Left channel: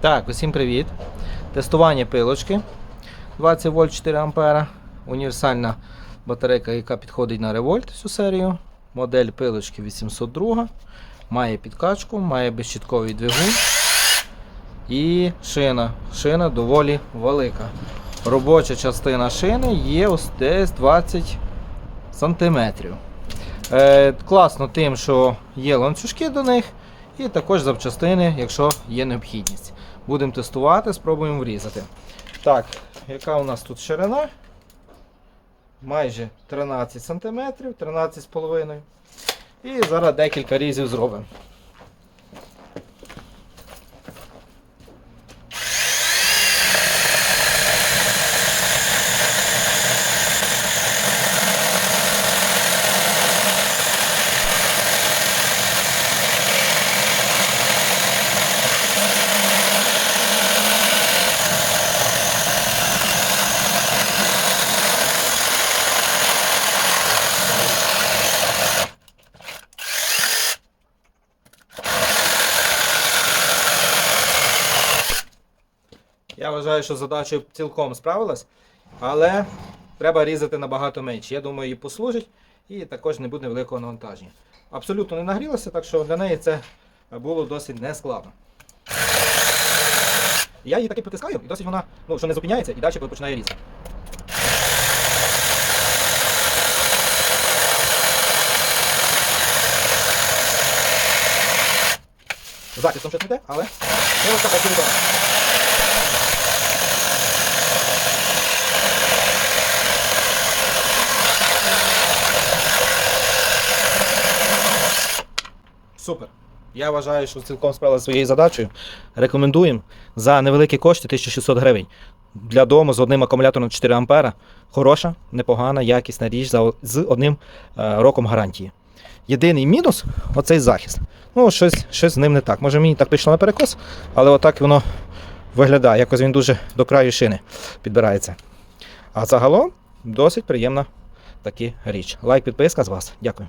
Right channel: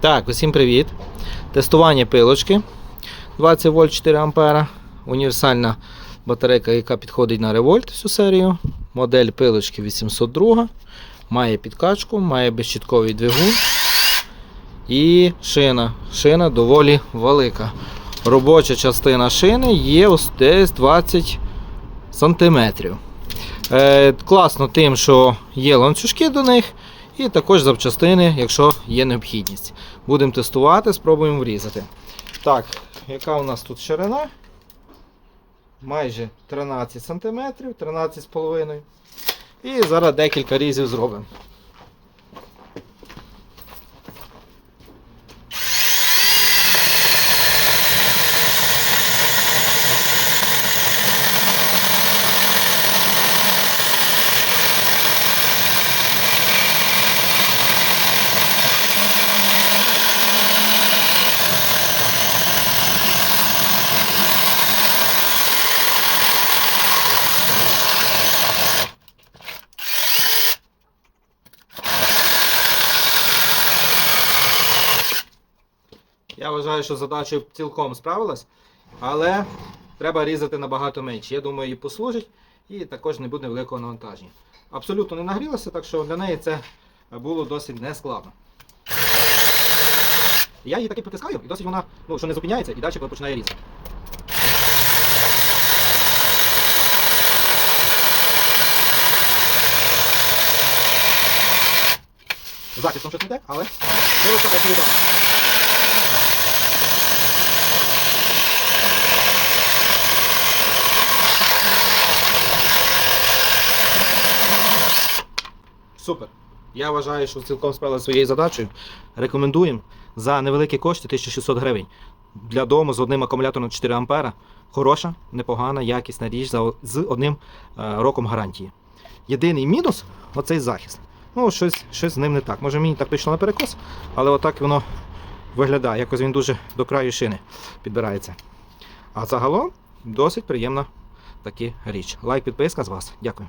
Так, усім привіт. Тестування пилочки 20 вольт 4 ампера. Універсальна батарейка, яка підходить на револьт всю серію. Модель пилочки 802. Має підкачку, має безщітковий двигун. І шина. Шина доволі велика. Робоча частина шини є ось десь 20 см. Е, класно тим, що є ланцюжки до них, і також запчастини, якщо є необхідність. Будемо тестувати, спробуємо врізати. Так, яка у нас тут ширина? Майже 13 см, 13,5 І зараз декілька різів зробимо. Я вважаю, що задача цілком справилась, але треба різати набагато менше. Я думаю, їй послужить і також не буде великого навантаження. Абсолютно не нагрілося, так що для неї це було досить нескладно. Я її таки притискаю, і досить вона ну, що не зупиняється і далі починає різати. Захистом щось не те, але це чудова. Супер. Я вважаю, що цілком справили своєю задачею. Рекомендуємо за невеликі кошти 1600 гривень. Для дому з одним акумулятором 4 А. Хороша, непогана, якісна річ з одним е, роком гарантії. Єдиний мінус оцей захист. Ну, щось, щось з ним не так. Може мені так пішло на перекос, але отак воно виглядає. Якось він дуже до краю шини підбирається. А загалом досить приємна така річ. Лайк, підписка з вас. Дякую.